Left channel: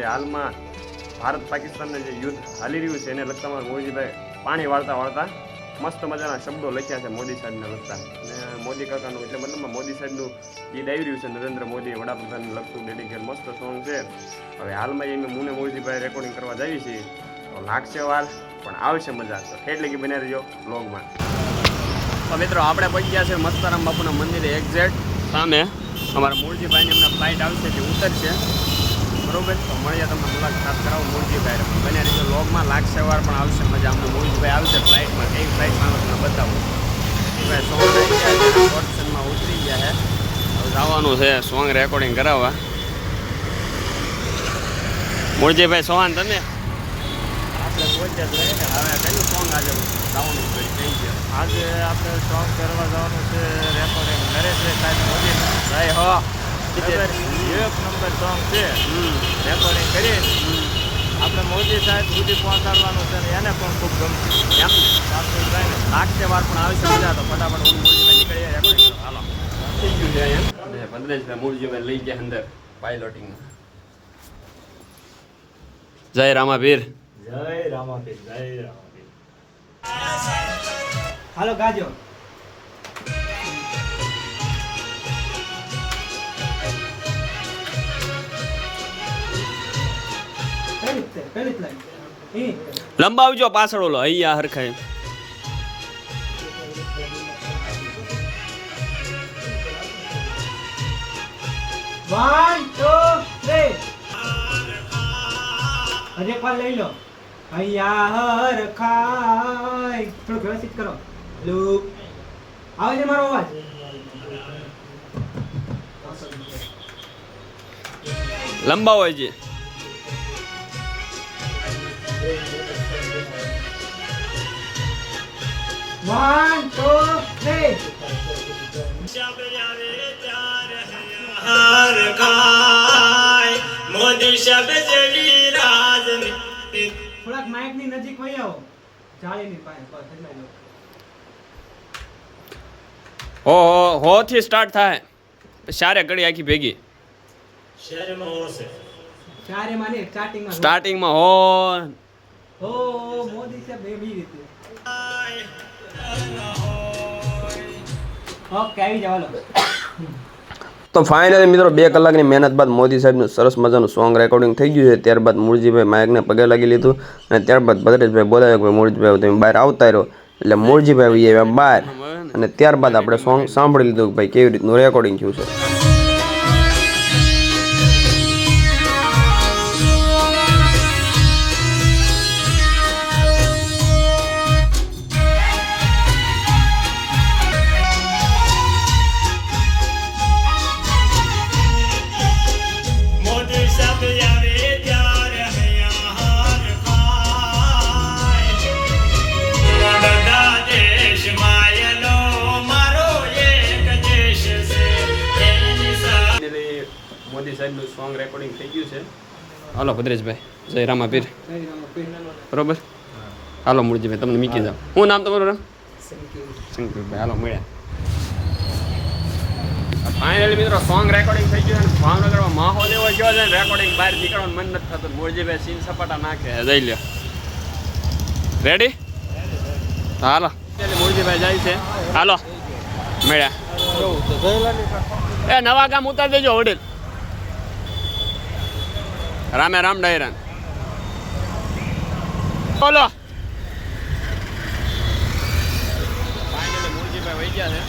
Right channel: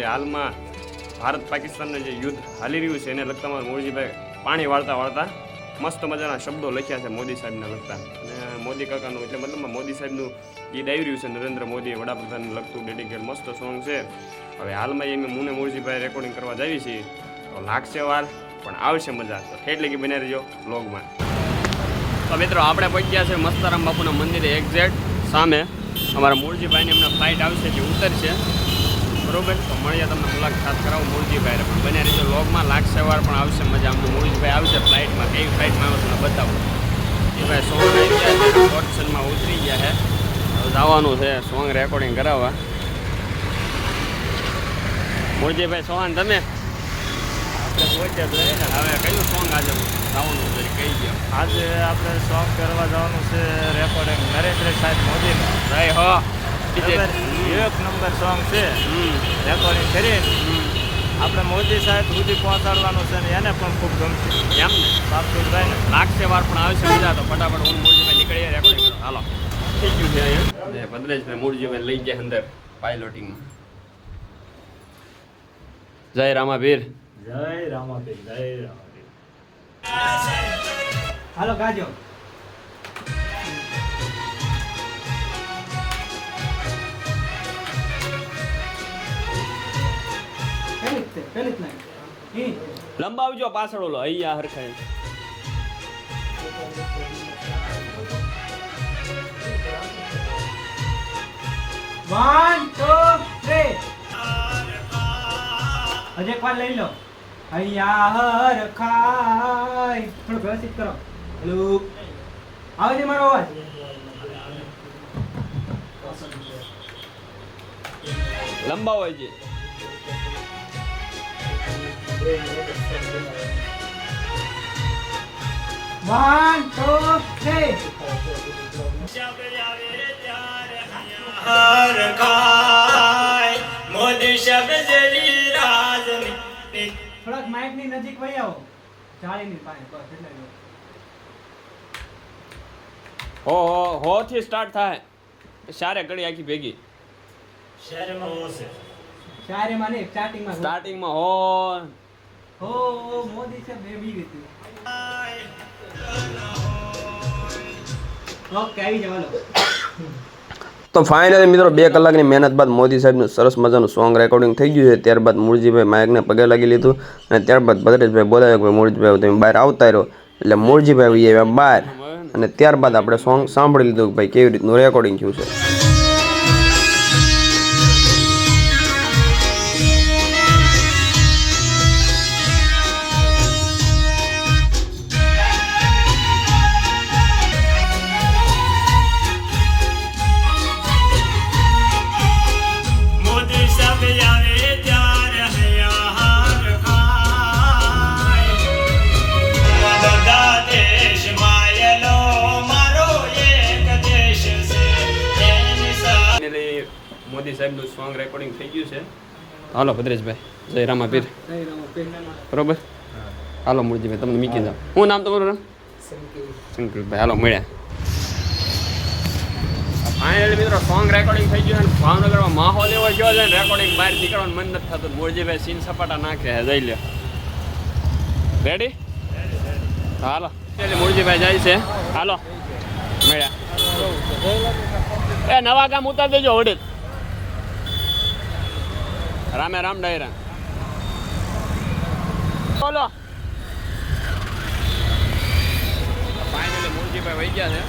એટલે હાલમાં ભારત પાકિસ્તાનના જે યુદ્ધ હાલી રહ્યું છે એને લગતા મોદીભાઈ પાણી વાળતા મસ્ત મજાના શબ્દો લખ્યા છે મોદી સાહેબને લગતા. અને મોદી કાકાનું એટલે મતલબમાં મોદી સાહેબનું ગીત આવી રહ્યું છે, નરેન્દ્ર મોદી વડાપ્રધાનને લગતું ડેડિકેટ મસ્ત સોંગ છે. હવે હાલમાં એમ મુને મોદીભાઈ રેકોર્ડિંગ કરવા જઈએ છીએ, તો લાગશે વાર પણ આવશે મજા. તો એટલે કે બને રહેજો વ્લોગમાં. તો મિત્રો આપણે પહોંચી ગયા છે મસ્તારામ બાપુના મંદિરે એક્ઝેક્ટ સામે. અમારા મૂળજીભાઈની એમના ફ્લાઇટ આવશે જે ઉતરશે, બરોબર? તો મળીએ, તમને મુલાકાત કરાવું મૂળજીભાઈ. પણ બને રહેજો વ્લોગમાં, લાગશે વાર પણ આવશે મજા. અમને મૂળજીભાઈ આવશે ફ્લાઇટમાં, કેવી ફ્લાઇટમાં આવે તમને બતાવું. મૂળજીભાઈ સોંગ રહી ગયા છે, પોર્શનમાં ઉતરી ગયા છે. હવે જવાનું છે સોંગ રેકોર્ડિંગ કરાવવા. મૂળજીભાઈ સોહાન તમે આપણે પહોંચ્યા હવે કયું સોંગ આજે ગાવાનું છે કહી ગયો? આજે આપણે સોંગ કરવા જવાનું છે રેકોર્ડિંગ નરેન્દ્ર સાહેબ મોદી. જય હો. એક નંબર સોંગ છે, રેકોર્ડિંગ કરી આપણે મોદી સાહેબ સુધી પહોંચાડવાનું છે ને એને પણ ખૂબ ગમશે. એમ લાગશે વાર પણ આવશે મજા. તો ફટાફટ હું મૂળજીભાઈ નીકળીએ રેકોર્ડિંગ કરો. હાલો થઈ ગયું છે અહીંયા. અને ભદ્રેશભાઈ મૂળજીભાઈ લઈ ગયા અંદર પાયલોટિંગમાં. જય રામાભીર. જય રામાપીર, જય રામાપીર. હાલો ગાજો. લંબાવજો પાછળ ઓલો અહીંયા હરખાય. One two three. હજી એક વાર લઈ લો. અહીંયા હરખાય. થોડું વ્યવસ્થિત કરો. હેલો, આવે છે મારો અવાજ? લંબાવો છે. One two three. મોદી શબ્દ જેવી રાજનીતિ. થોડાક માઇક ની નજીક વહી આવો, જાળીની પાસે. બસ એટલા જ. હો થી સ્ટાર્ટ થાય, સારે ઘડી આખી ભેગી. શહેરમાં હોશે ચારે માં નહીં, સ્ટાર્ટિંગમાં. સ્ટાર્ટિંગમાં હો મોદી સાહેબ એવી રીતે. ઓકે, આવી જાવ. તો ફાઇનલી મિત્રો 2 કલાકની મહેનત બાદ મોદી સાહેબનું સરસ મજાનું સોંગ રેકોર્ડિંગ થઈ ગયું છે. ત્યારબાદ મૂળજીભાઈ માઇકને પગે લાગી લીધું અને ત્યારબાદ ભદ્રેશભાઈ બોલાવ્યો કે મૂળજીભાઈ તમે બહાર આવતા રહ્યો. એટલે મૂળજીભાઈ આવ્યા બહાર અને ત્યારબાદ આપણે સોંગ સાંભળી લીધું કે ભાઈ કેવી રીતનું રેકોર્ડિંગ થયું છે. મોદી શબ્દ આવે ત્યારે હૈયા હરખાય. બધા દેશ માયલો મારો એક દેશ છે. એની ફાઇનલી મોદી સાહેબનું સોંગ રેકોર્ડિંગ થઈ ગયું છે. હાલો ભદ્રેશભાઈ, જય રામાપીર. બરોબર, હાલો મૂળજીભાઈ તમને મીકી જાવ. શું નામ તમારું? રામ શંકરભાઈ. હાલો મળ્યા. ફાઇનલી મિત્રો સોંગ રેકોર્ડિંગ થઈ ગયું છે. ભાવનગરમાં માહોલ એવો ગયો છે ને, રેકોર્ડિંગ બહાર નીકળવાનું મન નથી થતું. મૂળજીભાઈ સીન સપાટા નાખે જઈ લ્યો. રેડી? હાલો એટલે મૂળજીભાઈ જાય છે. હાલો મળ્યા. એ નવા ગામ ઉતાર દેજો હોટેલ. રામે રામ ડાયરા. બોલો. ફાઇનલી મૂળજીભાઈ વહી ગયા છે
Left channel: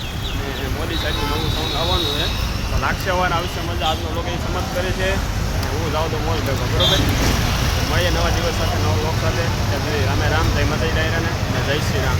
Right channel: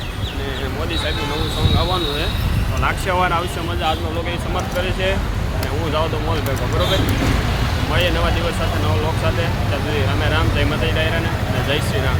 અને મોદી સાહેબનું નવું સોંગ આવવાનું છે. તો લાગશે વાર આવશે મજા. આજનો લોકો એ સમજ કરે છે અને હું જાઉં તો મોલ ભેગો. બરોબર, મળીએ નવા દિવસ સાથે, નવા લોક સાથે. ત્યાં સુધી રામે રામ, જય માતાજી ડાયરાને અને જય શ્રી રામ.